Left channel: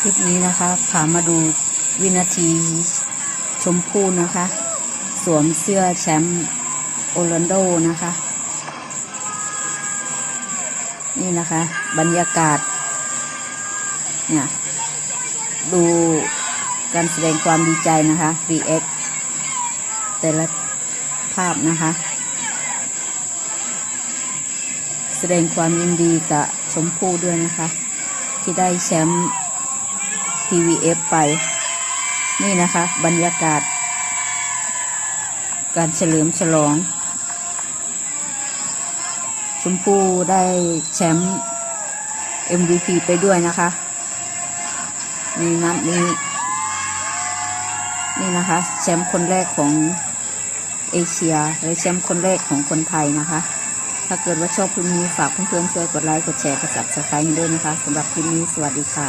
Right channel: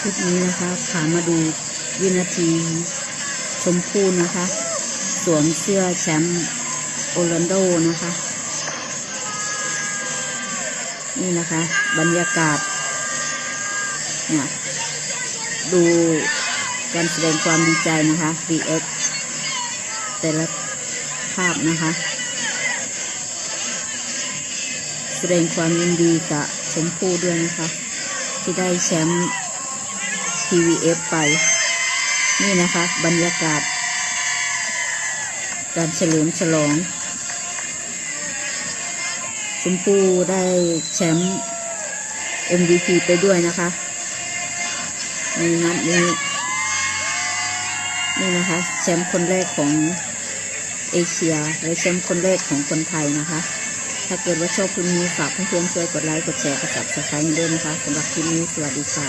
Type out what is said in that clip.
คลิปนี้นะคะพามาดูวินาทีชมพู่นะคะสวมเสื้อแชมป์โอร์แลนโดนะคะนี่นะคะบรรยากาศเนี่ยดูการแสดงความดีใจนะคะ react แต่ละภาพนะคะแสดงความยินดีกับชมพู่ด้วยนะคะที่ได้แชมป์ PVF ไปนี่นะคะบรรยากาศการเฉลิมฉลองชมพู่ได้แชมป์ MVP ไปด้วยนะคะนี่นัดนี้นี่นะคะแชมป์คนแรกของเอเชียและแชมป์คนแรกของคนไทยนะคะถ้าเกิดว่าชอบคลิปนี้ฝากเพื่อนๆช่วยกดไลค์กดแชร์กด Subscribe ด้วยนะคะสำหรับคลิปนี้สวัสดีค่ะ